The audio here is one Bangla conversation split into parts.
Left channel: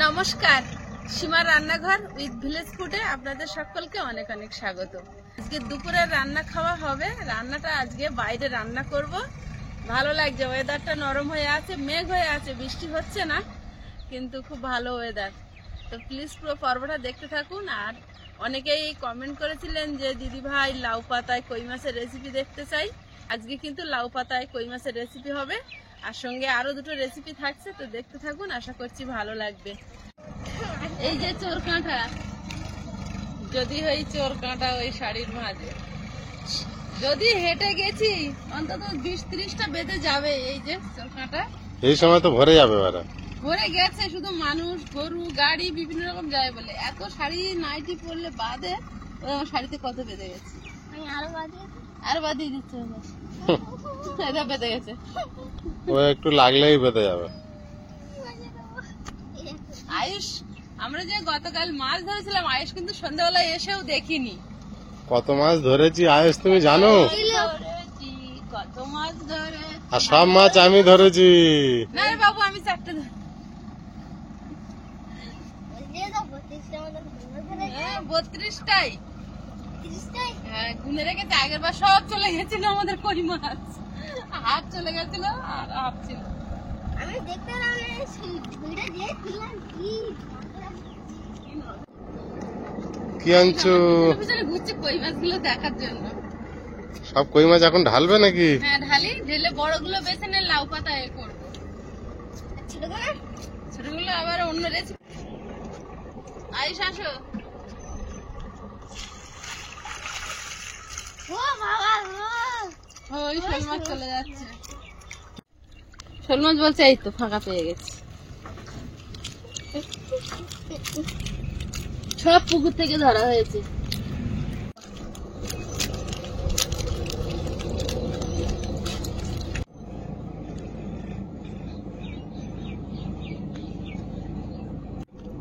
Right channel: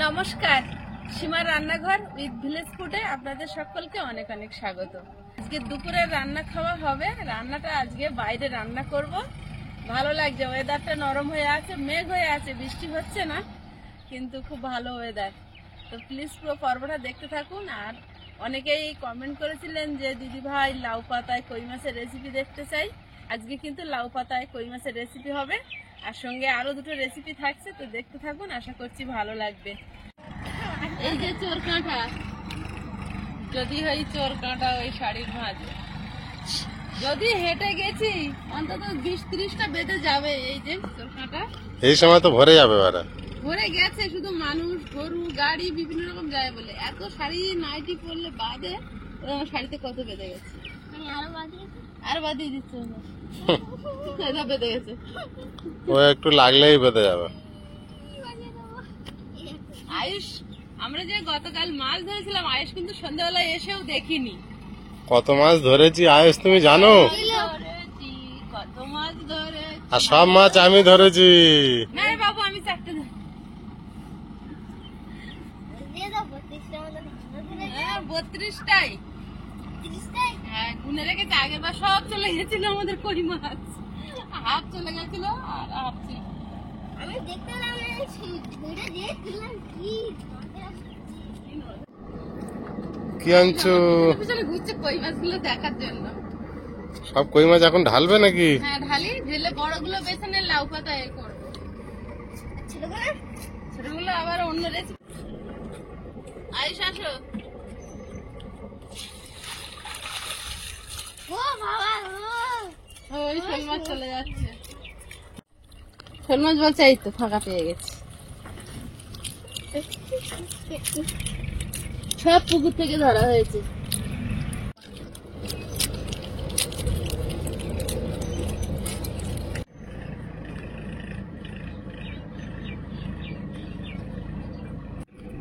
নমস্কার, সীমার রান্নাঘর উইথ ভিলেজ ফুডে আপনাদের সকলকে অনেক অনেক স্বাগত। আজকে দুপুরের রান্না খাওয়া হবে। রান্নাটা আজকে বাইরে রান্না করব। ভালো লাগছে, ওয়েদারটা নরম হয়ে আছে, মেঘ হয়ে আছে, বৃষ্টি হচ্ছে না, কিন্তু খুব ভালো ওয়েদার। তো প্লিজ পুরো পর্বটা দেখতে থাকুন। আর অনেকেই কমেন্ট করেছিলেন যে দিদি ভাই লাউ পাতায় কই মাছের রেসিপি দেখতে চাই। আজকে কিন্তু লাউ পাতায় কই মাছের রেসিপি হবে, আর সঙ্গে আরো দুটো রেসিপি থাকছে। তো দেখতে থাকুন, আশা করছি ভালো লাগবে। এই যে চোর কাঁটা, যদি এই চোর কাঁটা ওই শাড়ির মাঝে, যদি হেঁটে গেছি অন্তত 20-30টা বেঁধে যাবে। এই যে চোর কাঁটা এই সময় তো ভরে যাবে, ভরে গেছে, শুধু মানুষ গরু গাড়ি বিভিন্ন রকম যায় বলে। এত শাড়ি নাইটি পরলে বাদে আমার শাড়িতে কত বেঁধে গেছে, আর বাদিয়ে দিচ্ছে বেঁধে গেছে। ও একটু লাগলেই বেঁধে যাবে। আয়ুষ, আমরা যে গতকাল মাছ ধরেছিলাম, আয়ুষ কিন্তু সন্ধ্যাবেলায় এসেও দেখিনি। কত মাছ ধরেছি আয়ুষ তুমি জানো? কত মাছ ধরে, আর সব মাছ আমি ধরেছি। না রে বাবু, আমি 4টে 32টাই হ্যাঁ গুনে রেখেছে। আগের বার সব চলে গেছিল আমাদের কই মাছ, হাফ চলে গেছিল আর হাফ ছিল। আমি দেখতে পেলাম ভিডিও দিয়ে দিলাম কি আনছো? পিছনে ঘুরছে কই মাছগুলো দেখার জন্য। সব কই মাছ এখন ঢালবে নাকি? হ্যাঁ ঢালি, ঢেলে বড়গুলো বেছে নিয়ে লাউ পাতা এ করবো, ছোটগুলো আবার অন্য রেসিপি। আয়ুষ আসো। ও বাবা ওই শোল মাছ চলে যাচ্ছে। শোল মাছ বলছে এই তো ফাঁকা পেয়ে গেছে। সব পুকুর থেকে ধরা হয়েছে।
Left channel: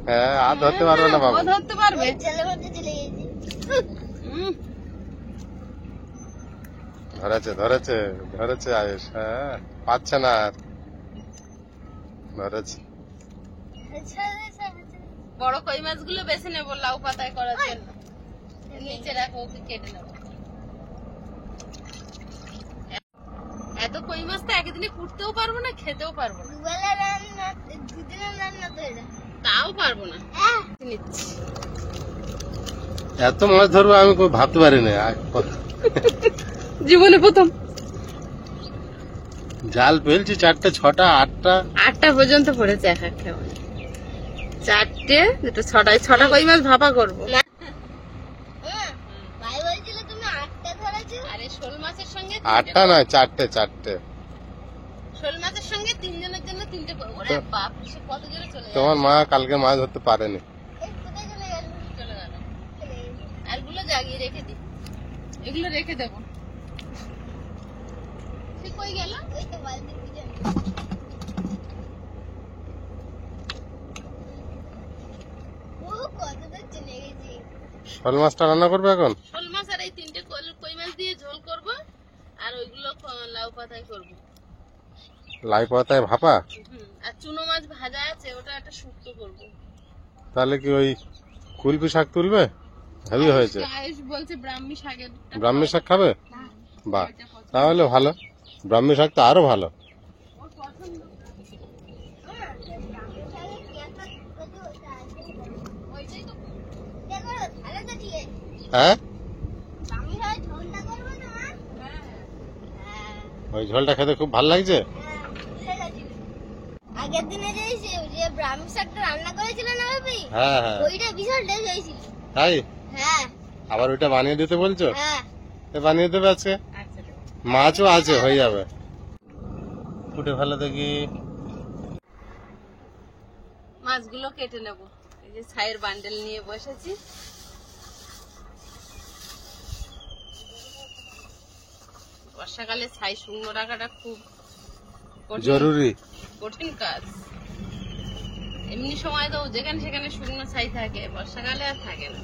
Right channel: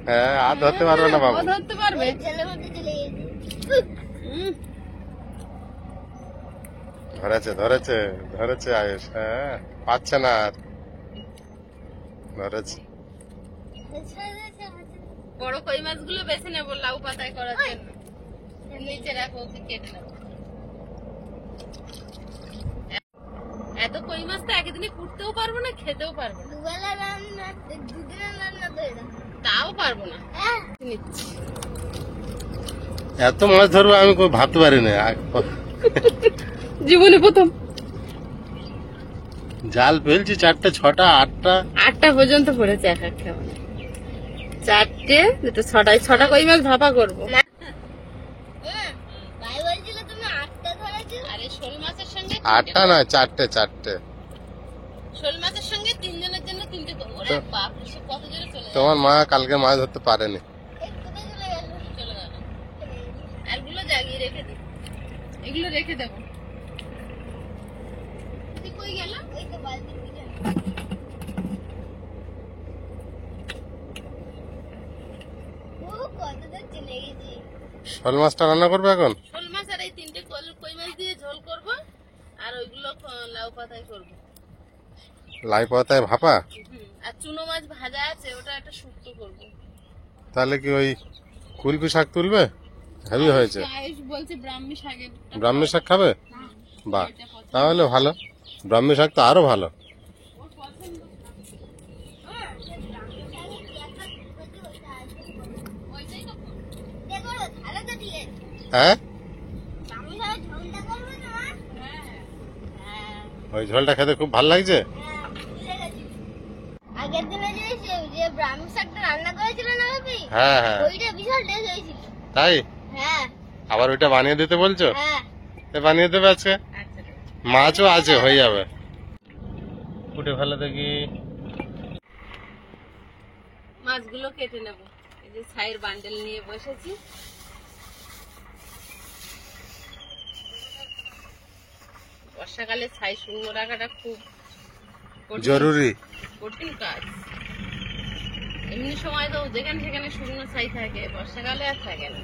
হ্যাঁ, আর ধরতে পারবে না বাবু। ও ধরতে পারবে। জলের মধ্যে চলে গেছে। ধরেছে ধরেছে ধরেছে আয়ুষ। হ্যাঁ, পাচ্ছে না আর, ধরেছে। বড় কই মাছগুলো বেছে নেবো লাউ পাতায় করার জন্য। নিচে রাখো, ওকে কেটে নেবো। এত কই মাছ তো একদিনে কুটতেও পারবো না, খেতেও পারবো না। দুবেলা রান্না, দুদিনের রান্না তো এটা। তাও পারবো না। নিচ্ছি। এত মাছ ধরবো আমি ভাবতে পারিনি। জীবনে প্রথম জাল ফেলছি 4টে 6টা 8টা পর্যন্ত পড়েছে এক একটা, মানে 4টে 2টো 6টা কই মাছ ভাপা করবো। ভাই বলছিল তুমি 8টা ধরেছো। আরে শোল মাছের সঙ্গে 8টা না 4টে। শোল মাছের সঙ্গে 3 জনের জন্য 3টে করবো। ওরে বাপ রে, সে কত জোরে চলে যায়। তোমার মা কালকে মাছ ধরতে পারেনি। কোথায় চলে গেল? চলে গেল। আরগুলো জাগিয়ে রেখে দিই, এগুলো রেখে দেবো। তুই কই গেল? ওই তো বালতি দিয়ে। ও কত দূর চলে গেছে। শোল মাছটা রান্না করবে এখন? শোল মাছ আর এই 3টে কই মাছ দিয়ে ঝোল করব, আর ওইগুলো লাউ পাতায় করবো। লাই পাতায় ভাপা? আর চুনো মাছ ভাজা আছে, ওটা একটা শুক্তো করবো। তাহলে কি ওই কুলপি শাক তুলবে? হেভি হয়েছে। আয়ুষ বলছে ব্রাহ্মী শাকের। ব্রাহ্মী শাক খাবে? বাহ, তাহলে ভালো। ব্রাহ্মী শাক তো আরো ভালো। ওর পছন্দ। ওইটাই তো দেখো ভালো তো দিয়ে। হ্যাঁ, আমি সব ঝোলটা করব না। ওই ঝোলটা খেতে খুব ভালো লাগছে। আগের দিনে যে ব্রাহ্মী শাকটা রান্না করেছিল না ভাবি, হ্যাঁ হ্যাঁ, ওইটা বিশাল টেস্ট হয়েছিল। তাই হ্যাঁ আবার ওইটা বানিয়ে দিতে বলছো? হ্যাঁ। বানিয়ে দেবে আজকে। আচ্ছা, মাছও আছে, হয়ে যাবে। ফুটে ফেলে দেখি। মাছগুলো কেটে নেব। এই যে ছাইয়ের বান্ডেল নিয়ে বসেছি। বর্ষাকালে ছাই শুকনো রাখাটা খুব জরুরি। কঠিন কাজ। এমনি সময় তো যেখানে সেখানে শুকনো ছাই থাকে, বর্ষাকালে আর থাকে না।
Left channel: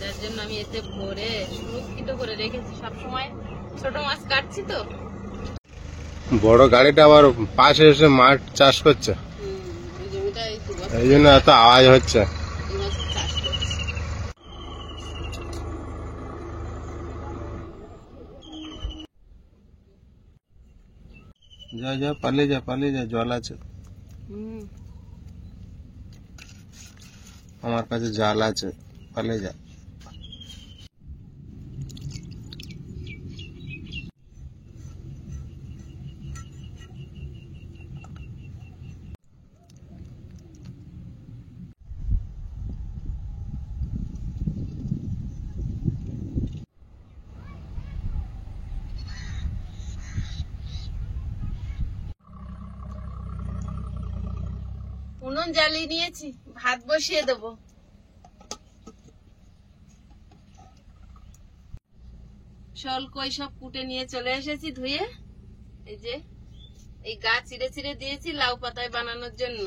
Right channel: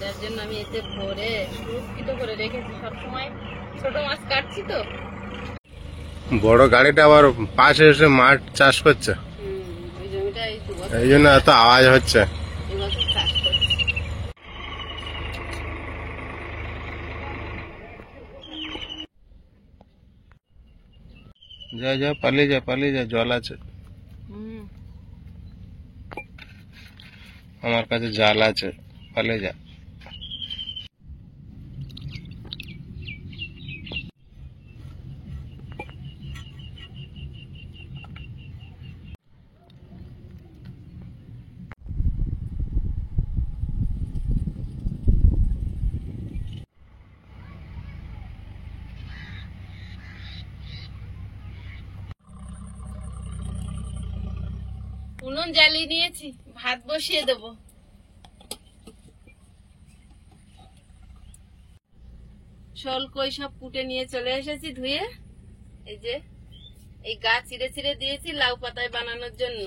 যার জন্য আমি এতে ভরে সুরক্ষিত করে রেখেছি। সবসময় ছোট মাছ কাটছি তো। বড় গাড়িটা আবার পাশে এসে মাঠ চাষ করছে। এই জন্য এত আওয়াজ হচ্ছে। এবছর চাষ করছে। যা যা পালিয়ে যা, পালিয়ে যা, জল আছে। আমার কাছে জাল আছে, পালিয়ে যা। উনুন জ্বালিয়ে নিয়েছি, ভাত বসিয়ে দেবো। শোল কই সব কুটে নিয়ে চলে এসেছি ধুয়ে। এই যে এই গাছ চিড়ে চিড়ে দিয়েছি লাউ পাতায় বানানোর জন্য।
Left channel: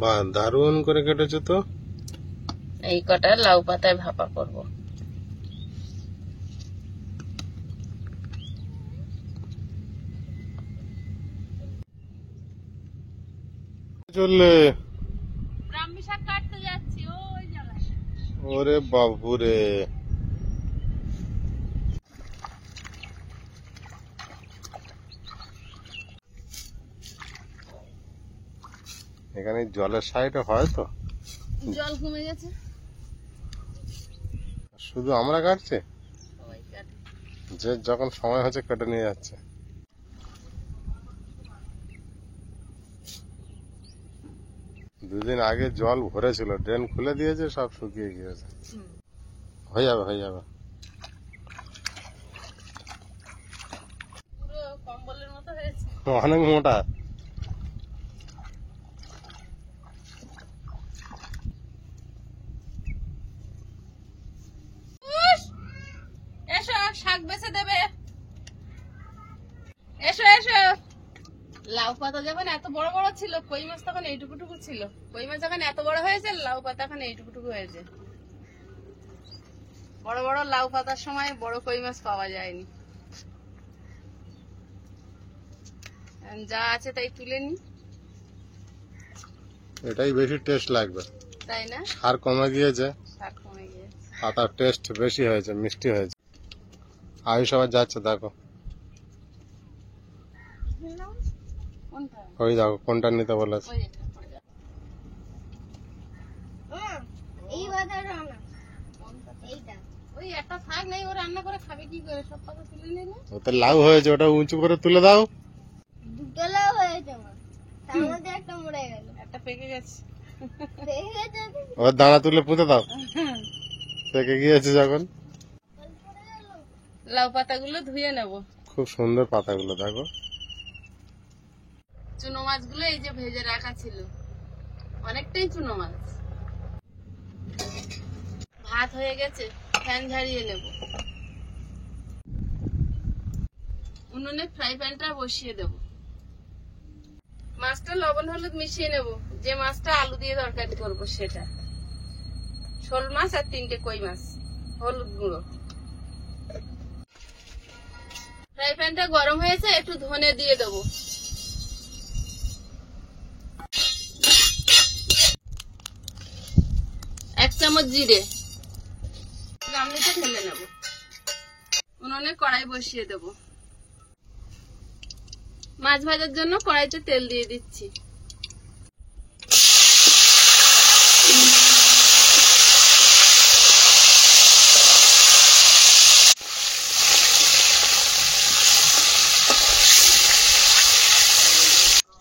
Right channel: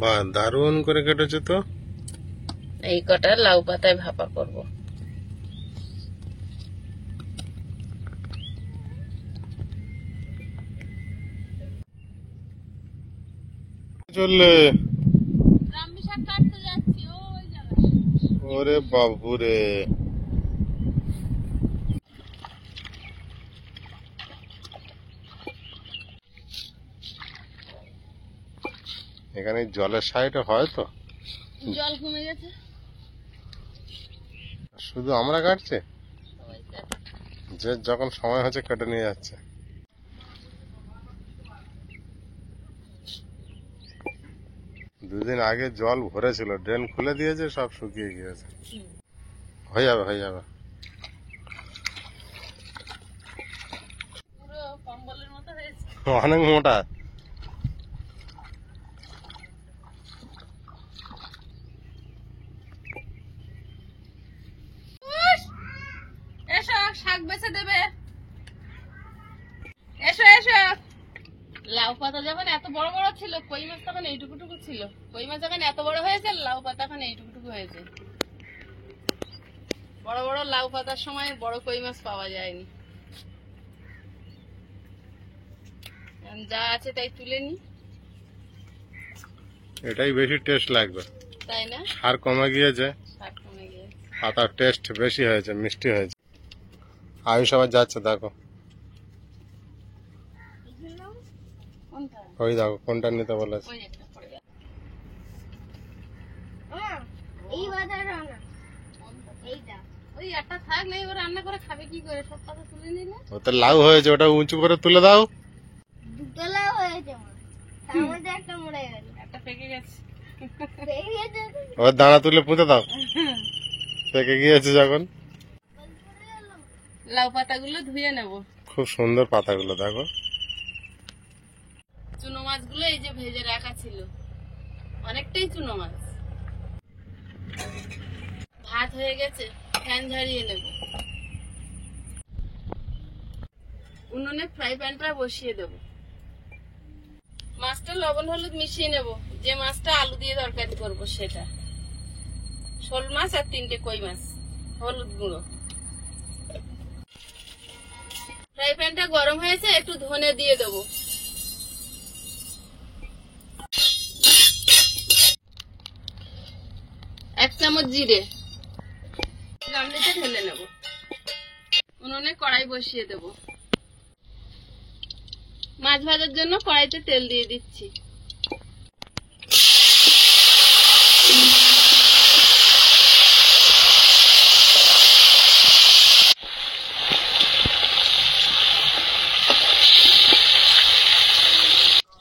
বাহ, দারুণ করে কেটেছে তো। এই কটা লাউ পাতায় ভাপা করব। চললে ব্রাহ্মী শাক কাটতে যাচ্ছি ওই জায়গায়। ওরে বাবুরে, এখানে জলের সাইডে হয় তো? জল কমে গেছে, শুধু আমরা কাটছি? সবাই কাটে। যে যখন সময় হচ্ছে কেটে নিয়ে যাচ্ছে। দুদিন আগে জল ভরেছিল, ড্রেন খুলে দিয়েছে, সব শুকিয়ে গিয়েছে। হয়ে যাবে, হয়ে যাবে। পুরো কম্বলের মতো হয়েছে। অনেক মোটা। এসো শাক বেছে দেবে, এসো এসো। লাউ পাতা যখন এত বড় বড় ছিল, কই মাছ তখন এইটুকুটুকু ছিল। কই মাছ যখন এত বড় হয়েছে, লাউ পাতা এখন এইটুকুটুকু হয়েছে। বড় বড় লাউ পাতার সময় বড় কই মাছ পাওয়া যায়নি। যা আছে তাই তুলে নি। এটাই বেশি টেস্ট লাগবে, তাই না? সার কমে গিয়েছে, শাক কমে গিয়েছে। পাতার টেস্ট বেশি হয়েছে, মিষ্টি হয়েছে। আয়ুষ আবার যাচ্ছে, দেখো কোনটা? ওই দেখো কোনটা নিতে বলেছে। ওই একটা পড়ে গেছে। এই বাজারে না এইটা ওই একটা থাক নেই, ও রান্না করে খাবে কি করে? সব পাতা তুলে নিলে ওতে লাউ হয়েছে, ওটা উঁচু করে তুলে দাও। দুটোলাও হয়েছে মা, তার মধ্যে একটা মরে গেল, একটা পেকে গেছে। পেয়ে গেছে। ওর দানা তুলে পুঁতে দাও, পেকে গিয়েছে যখন। লাউ পাতাগুলো ধুয়ে নেব। খুব সুন্দর পাতাগুলো দেখো। চুনো মাছগুলো এই যে ভেজে রাখা ছিল, অনেকটাই চুনো মাছ। ভাত হয়ে গেছে, ফ্যান ঝাড়িয়ে নেব। উনুনে ফ্রাই প্যানটা বসিয়ে দেব। মাছটা লবণ হলুদ মিশিয়ে নেব। যে মাছটা আলু দিয়ে তরকারি করব সেটা। শোল মাছ আর 3টে কই মাছ, হলুদ গুঁড়ো। ফ্রাই প্যানটা গরম হয়েছে, একটু ধনে দিয়ে দেবো। এক চামচ জিরে, গামলিতে ঢেলে নেব। উনুনে কড়াই বসিয়ে দেব। মাছ ভাজার জন্য কড়াইতে তেল দিয়ে দিচ্ছি।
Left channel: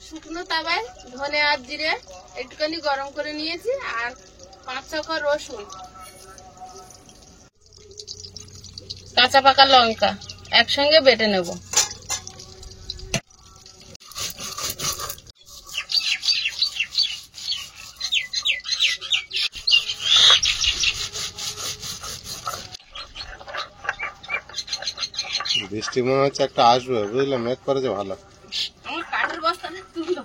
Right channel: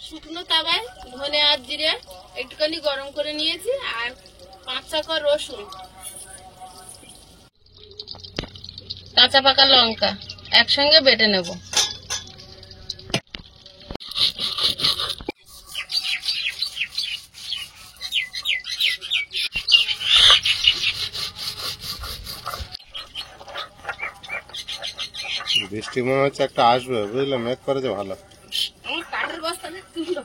শুকনো তাওয়ায় ধনে আর জিরে একটুখানি গরম করে নিয়েছি, আর 5-6 কোয়া রসুন, কাঁচা পাকা লঙ্কা একসঙ্গে বেটে নেব। বৃষ্টি মনে হচ্ছে একটা আসবে, বুঝলে, মেঘ করেছে ভালো। আমার কাঠের বস্তা তুললো,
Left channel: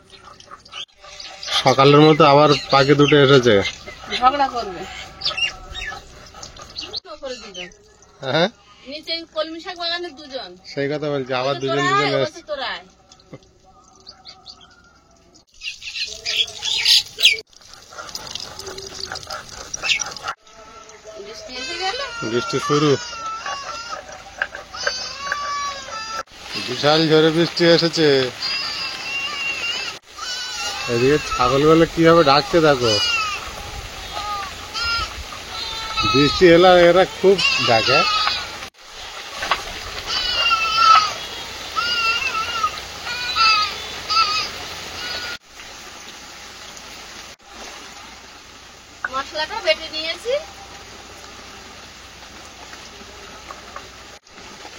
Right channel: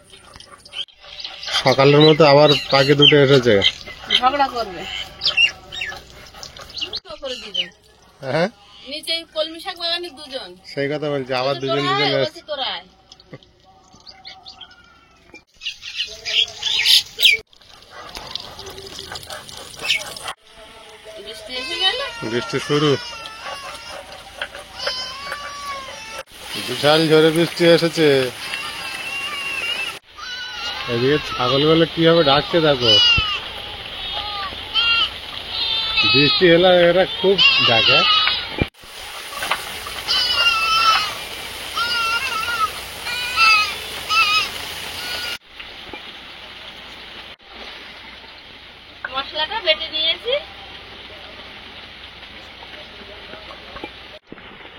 সকালের মতো আবার পাখি দুটো এসেছে। ঝগড়া করবে। করে দিবে। হ্যাঁ, নিচে কলমি শাক বাগানে দুজন, সেই কথা বলছি, আবার বলছে দুজন তোরা দুজন আয়, এসেছে। বলছে তোরা আয়। বৃষ্টি এসে গেল। বৃষ্টি শুরু, বিশাল ঝড়ে বৃষ্টি এসেছে। এদিকে ছাগলগুলো কিভাবে ডাকতে দেখো, বৃষ্টি এলে এরা খুব ডাকে। মশলাটা বেটে নিয়েছি।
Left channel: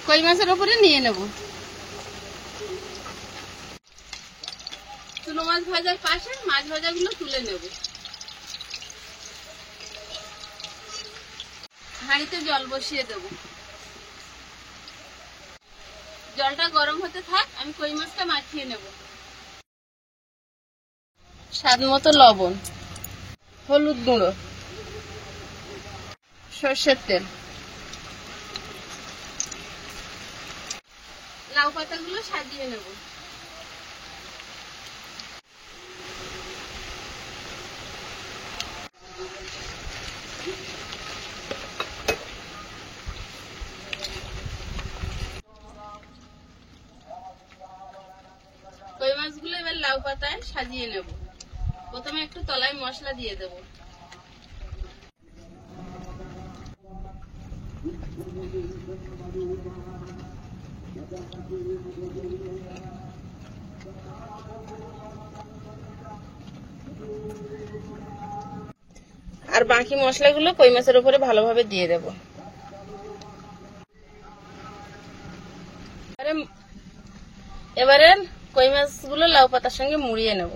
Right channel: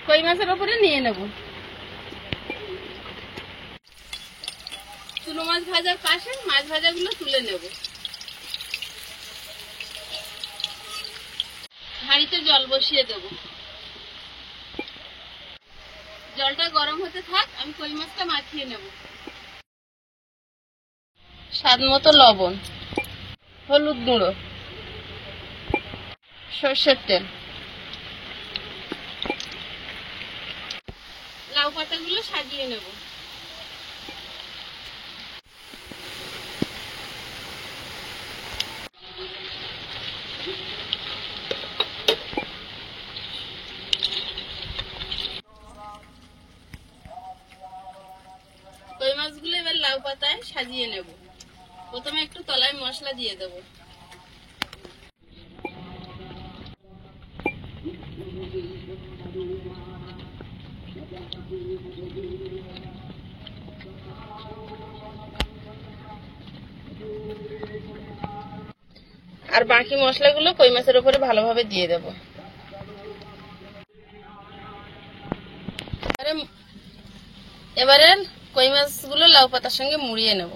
কই মাছের উপরে নিয়ে নেব। চুনো মাছ ভাজার পাশে মাছ ভাজাগুলো তুলে নেব। হাঁড়িতে জল বসিয়ে দেব। জলটা গরম হতে থাক, আমি কই মাছটা মাখিয়ে নেব। স্বাদ মতো লবণ, হলুদ গুঁড়ো, সর্ষের তেল, লাউ পাতাগুলো সাজিয়ে নেব। কই মাছগুলো এবার লাউ পাতায় সাজিয়ে নেব। প্রথমে একটু তলায় মশলা দিয়ে দেব। আর বাকি মশলাগুলো কই মাছের উপরে ভালোভাবে দিয়ে দেব। এবারে কই মাছগুলো লাউ পাতার সঙ্গে মুড়িয়ে নেব।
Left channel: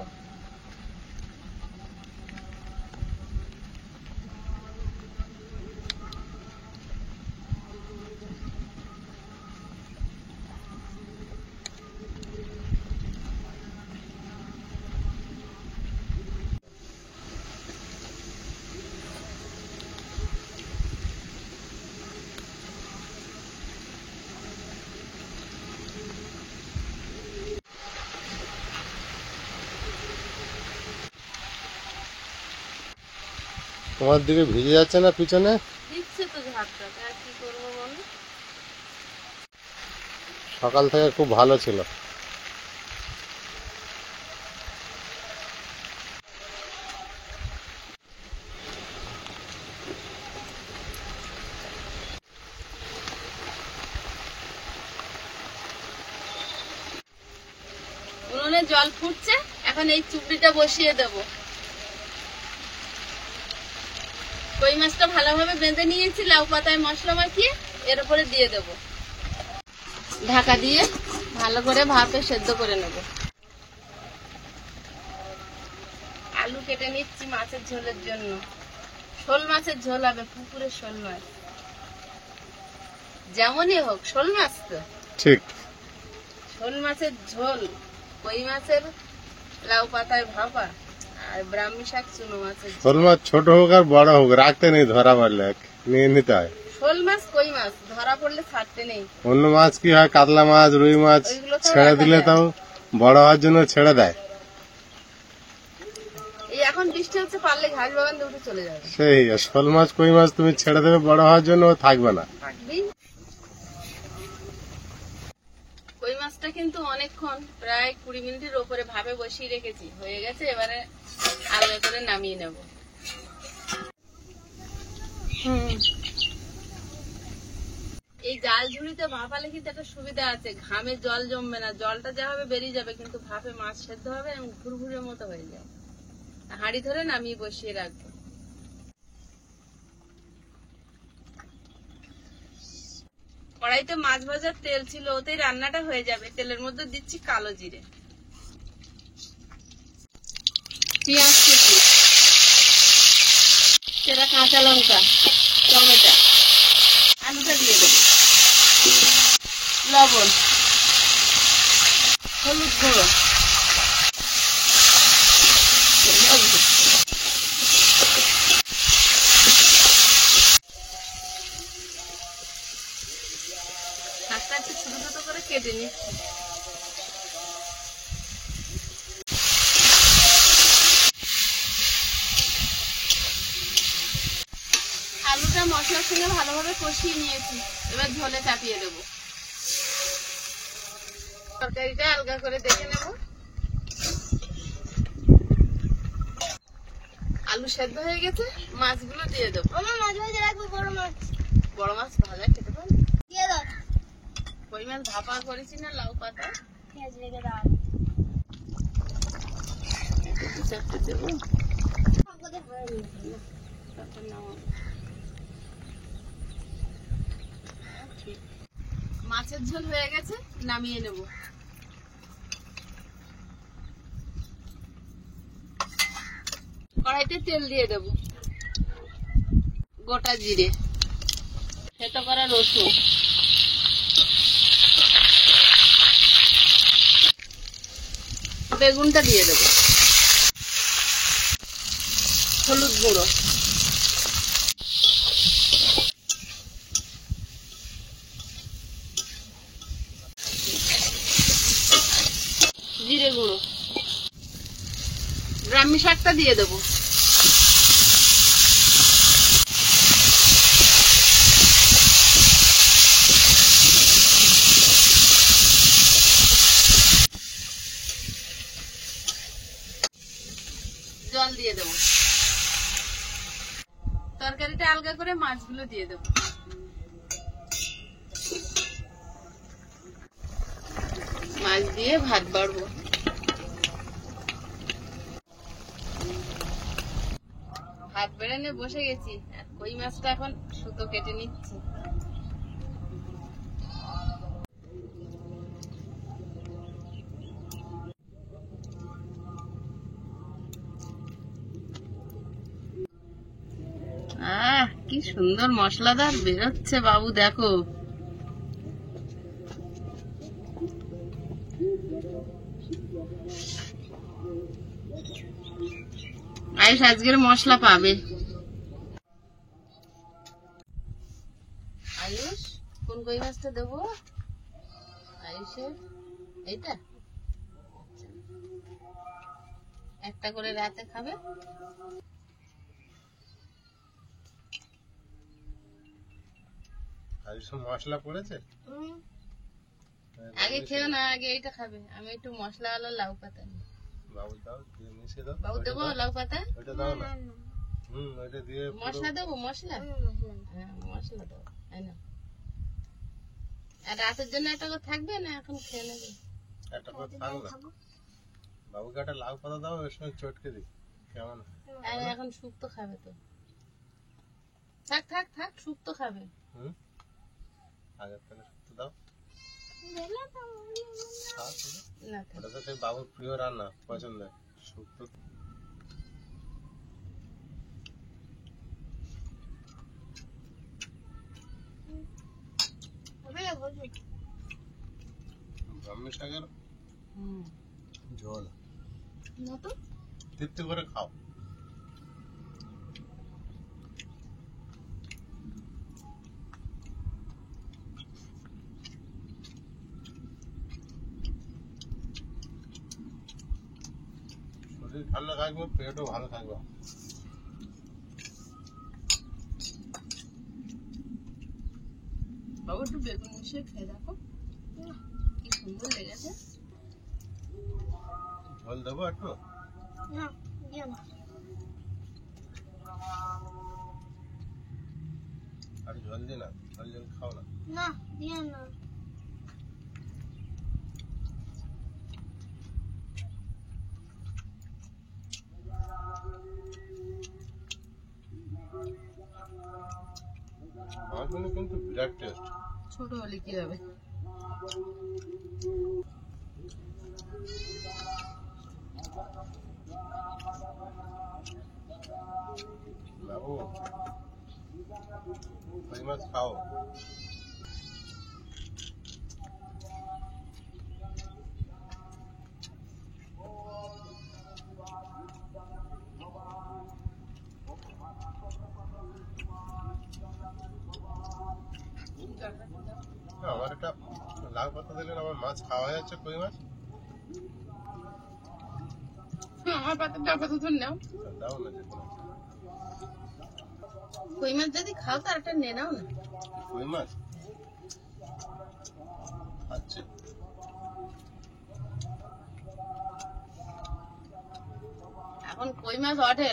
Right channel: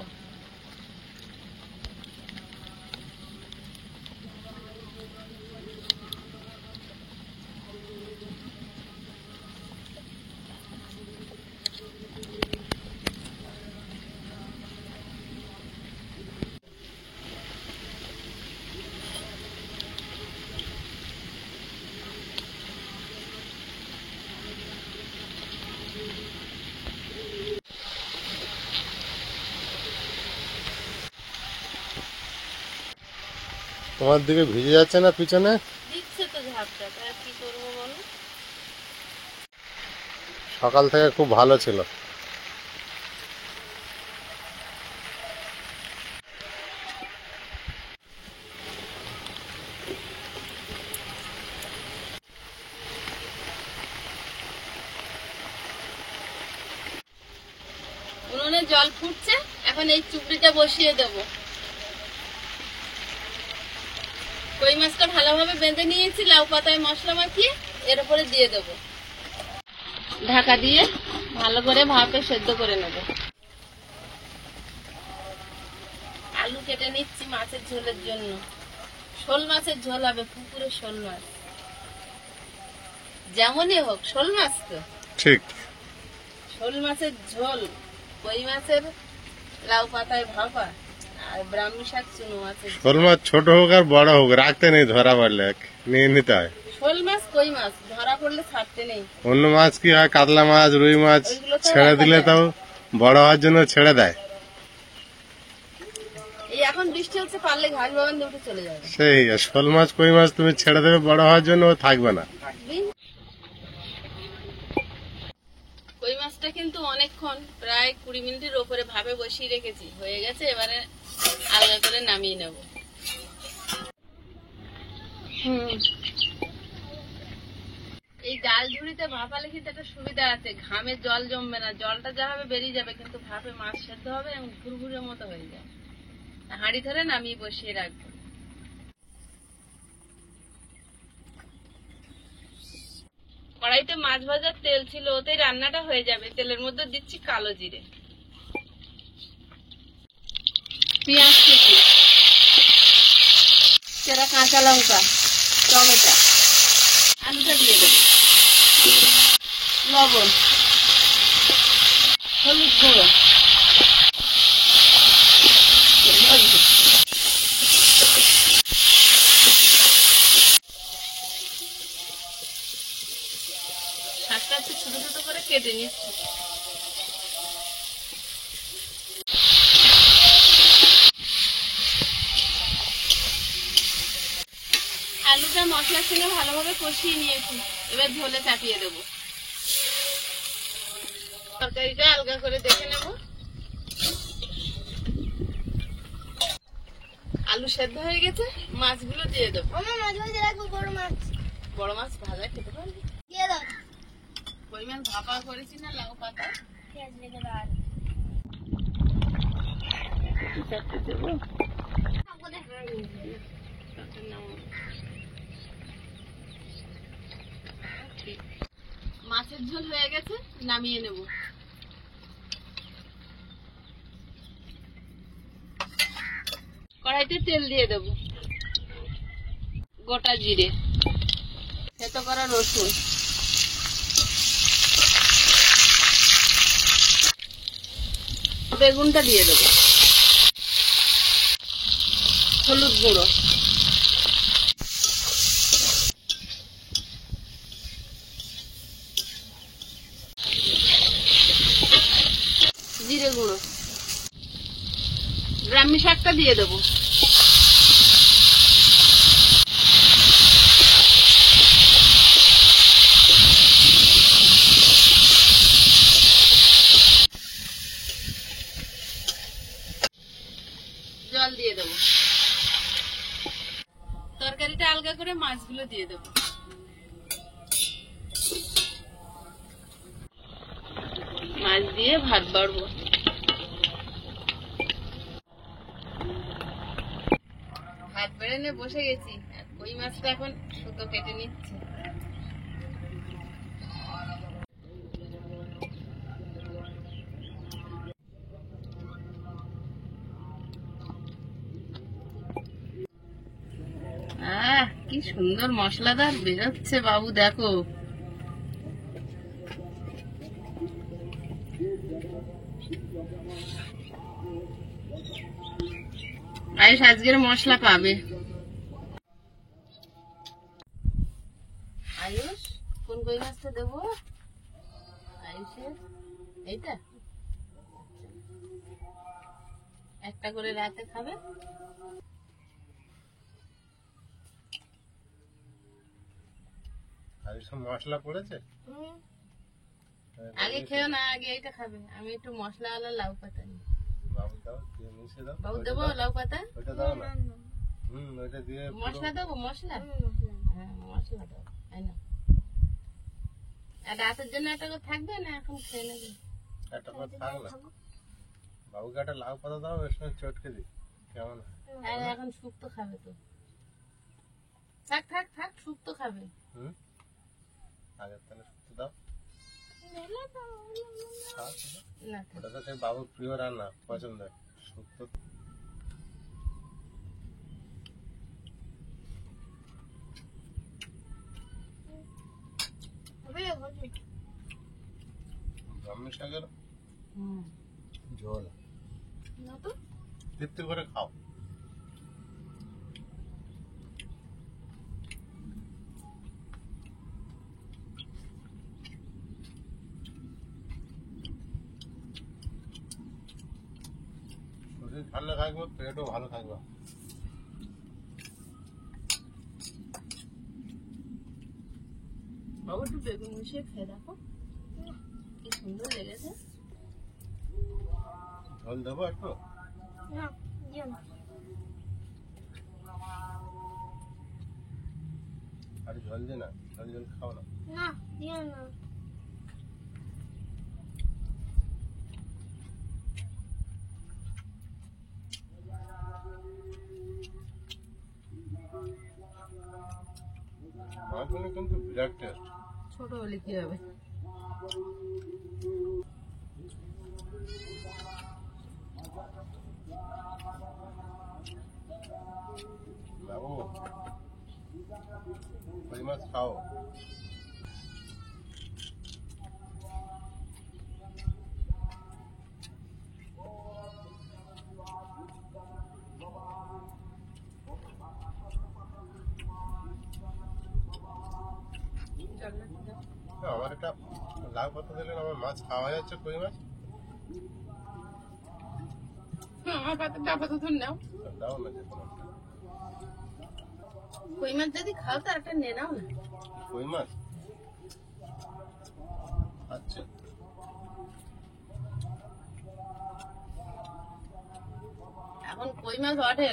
তোমার দিকে ভিজে যাচ্ছে না পিছনে? দিচ্ছে তো ঝাপটা, তাই কি করবো বলো। সকাল থেকে খুব ভালো ছিল। উনুনে জল ফুটছে, এখন এই চুপড়িটা বসিয়ে দেব। কই মাছটা ভালোভাবে বেঁধে নিয়েছি লাউ পাতায় মশলা মাখিয়ে, এর উপরে দিয়ে দেব। ঢাকা দিয়ে ভালো করে ভাপে সেদ্ধ করে নেব। আলু কেটে নিচ্ছি মাছের ঝোলের জন্য। শোল মাছের ঝোল হবে, পুকুরের শোল মাছ। যেমনই হোক শোল মাছ তো ঠিক। শোল মাছের ঝোল, কই মাছের লাউ পাতায় ভাপা, আর ব্রাহ্মী শাক চুনো মাছের ঝোল। শোল মাছ ছোট হোক আর বড় হোক রাখতে নেই, ধরা পড়লে নিয়ে নিতে হয়। শোল মাছ কই মাছ ধরা পড়লে ছাড়তে নেই। অন্য মাছ কি হয়, কাতলা মাছ রুই মাছ ওইগুলো তো ছেড়ে রাখা দিলে যায়। তাও বড় হওয়ার জন্য ছেড়ে দেয়। এই এখন বৃষ্টি হচ্ছে, পারলে ঘাস বাগান দিয়ে উঠে চলে যাবে। সেই শোল মাছ কই মাছ তুমি ছেড়ে দেবে বড় হওয়ার জন্য, ও থাকবে না। থাকবি। কই মাছটা কিন্তু অনেকক্ষণ, প্রায় 20 মিনিটের ওপরে ভাবে বসিয়ে রেখেছি, হয়ে গেছে। এবারে আলাদা করে নামিয়ে নেব। এই জাল ঝুড়িতে ভাপালে কিন্তু একটা সুবিধা আছে, ঘামে জল জমবে না, জলটা যা হবে বেরিয়ে যাবে, কিন্তু ভাপে মাছ সেদ্ধ হবে এবং ঘুরঘুরের মতো হয়ে যায়। হাঁড়ি ধরে নামিয়ে বসিয়ে রাখবো। কড়াইতে মাছ ভাজার তেল ছিল, ওতেই রান্নাটা হয়ে যাবে। তেলের মধ্যে দিচ্ছি কালো জিরে, পেঁয়াজ কুচি, চেরা কাঁচা লঙ্কা, টমেটো, আলুটা দিয়ে দেবো, লবণ, হলুদ গুঁড়ো, শাকটা একটু ছোট ছোট করে কেটে নিচ্ছি। মশলার সঙ্গে ভালোভাবে কষিয়ে নিয়েছি, এবার ঝোলে চাপিয়ে দেবো। তরকারিটা আলগা করে দেখে নেব। আলু সেদ্ধ হয়ে গেছে, মাছগুলো দিয়ে দেবো। আমার মাছ ভাজা রাখবো, বড় মাছ বড় মাছ ভাজা খেতে পারবি? দিয়ে দাও। কই মাছ ভাপা করেছি না লাউ পাতায়, পেঁয়াজ রেখে দাও। চারটে দেবো। আমাদের হয়নি। তারপর নামাবো। ঠিক, মাছের ঝোল হয়ে গেছে, নামিয়ে নেব। কড়াইতে তেল দিয়ে দেব, গোটা জিরে, থেতো করা রসুন, বেগুনটা দিয়ে দেব, হলুদ গুঁড়ো, জিরে গুঁড়ো, ব্রাহ্মী শাকটা দিয়ে দেবো। জল দিয়ে দেবো। তরকারিটা আলগা করে মাছগুলো দিয়ে দেবো। মাছ দিয়ে ভাত বাড়বো। ভাত বেড়ে নিয়ে বসে গেছি, আর কই মাছটা এখন সুতো কেটে নিচ্ছে। কি সুন্দর মশলাদার বেরোচ্ছে বাবু, দেখো। আয়ুষ আজকের মশলা পাবে। আয়ুষ, কোন কই মাছটা দেবো? আয়ুষের এইটা একটা করে রাতে খাবে। মশলা পড়েছে, আগে খেও না, আগে এইটা খাবে। আমি একটু মশলা আলো লাউ পাতা নিই। বাবু দাও, দিয়ে মিশিয়ে দাও। বাবু দেবো লাউ পাতা? ওইটা দাও না। ওইটা দিয়ে মশলা দেবো, মশলা? হ্যাঁ মশলা দেবো। আর রাতের জন্য একটা করে থাকবে না, এখন খেয়ে নেবে? একটা করে থাক না। বাবুকে একটা লাউ পাতা দাও, এর সঙ্গে চটকে দিই, কেমন হয়? আর এখন শুক্তো খাবে তো। থাক থাক থাক, শুক্তো খাবে। আগের তাহলে শুক্তো দাও। না ওটা তো সেই বাবুর প্রিয় রান্না, পছন্দের শুক্তো। ব্রাহ্মী শাকের ঝোল তৃপ্তি করে খাও। শরীর ঠান্ডা থাকবে, পেটও ভালো থাকবে। বাবু একটু বেগুন মিশিয়ে খেয়ে দেখো, কি সুন্দর লেগেছে। ঝোল দেবো একটু? না, দিও না। আর ঝোল দিই না, ঝোল খাও না। না, দিও না। আমার জন্য কিন্তু বিরাট টেস্ট। ছোট হলে কি হবে? বাবু কই মাছ খাও। আমার একটা লাউ পাতা দিলে আমার মাছ খাওয়া হয়ে যাচ্ছে, কই মাছ। আমার পাতা আপাতত নাও, দাও না। কই মাছ যদি খাও তো একটা নিয়ে নাও না। কই মাছ আচ্ছা এখন কই মাছ ওঠে,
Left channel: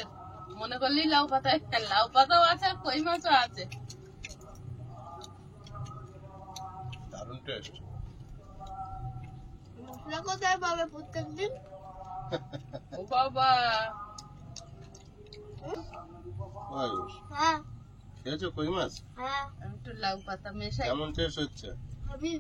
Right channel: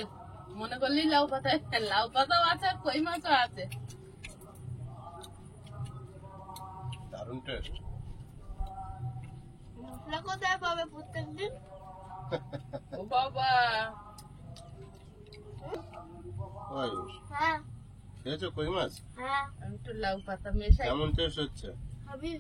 মনে করলি লাউ পাতা, লাউ পাতাও আছে আর কই মাছও আছে। দারুণ টেস্ট। মশলা কোথায় পাবে প্রত্যেকদিন? ও বাবা, আয়ুষ হ্যাঁ খেয়েছো কই মাছ? হ্যাঁ আমি একটু লাউ পাতা মেশাই। কেমন টেস্ট হচ্ছে? ভাবি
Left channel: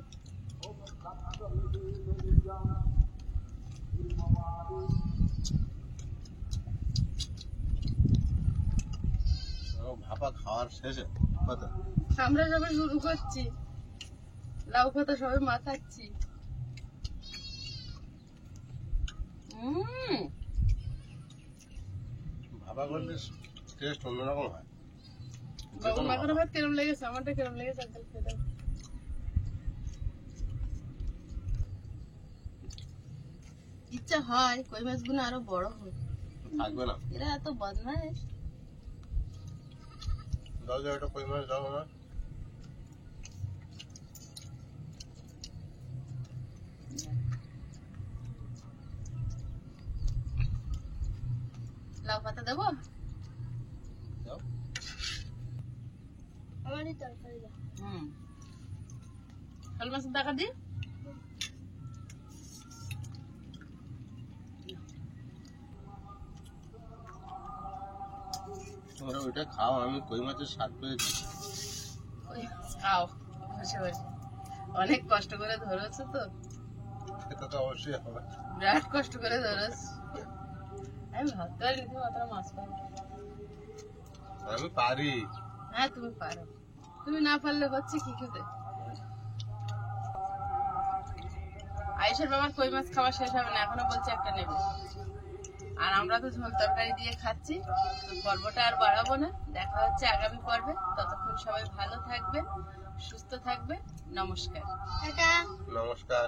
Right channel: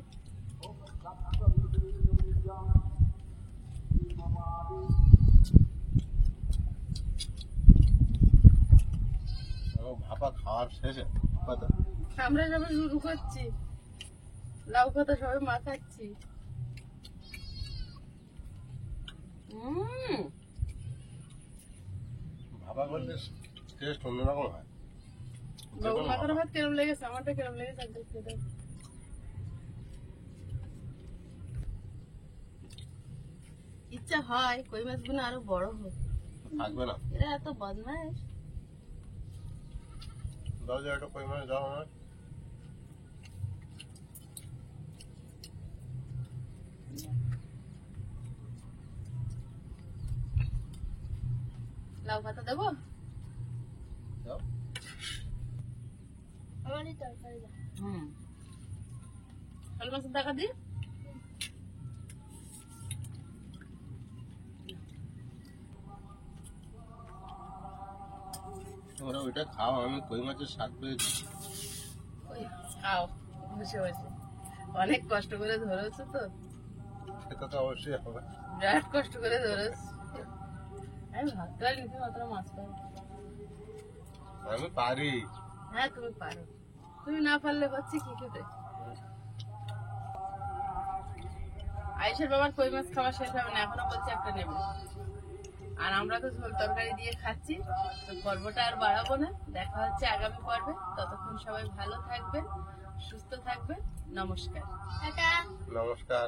ভাপা খাওয়ার শেষে কথা আমরা সবাই শুরু করছি, লাউ পাতা সবাই মাখাচ্ছি। ভাপা করলে টেস্ট অন্যরকম হয়। বাবু মাখার ভাত কেরম লেগেছে, আমারটা কেরম লেগেছে একদম খেয়ে দাও। ইচ্ছা হয় কই মাছগুলো আরো বড় হোক, থাকবে না। এরা এত বদমাইশ। দাও যে একটা কই মাছ দাও না। লাউ পাতা দেবো? দাও। আমারই তরকারি দাও। শোল মাছের টাকা দিই। তোমরা ওইটা খাও, আমি কই মাছের স্বাদ পেয়েছি। কই মাছ খাও বসে বসে, অনেক কষ্ট করে ধরেছো তো, এটা তো অবশ্যই হবে। বিরাট কষ্ট করে ধরেছো। আমি ভাবতে পারি তুমি অতটা মাছ পাবো। আমি পারি। হ্যাঁ তুমি পারো, তুমি না পারলে হচ্ছে কি খেতে। আয়েশের বাবার কই মাছ খাওয়া শেষ হবে না, এখনো বলছে একটা নেবে। আর আমরা তো ঝোল তরকারি দিয়ে খাচ্ছি। তো পর্বটা আর বাড়াবো না, দেখা হচ্ছে আগামী পর্বে। ততক্ষণ সবাই ভালো থাকবেন, সুস্থ থাকবেন। নমস্কার। টাটা। নমস্কার।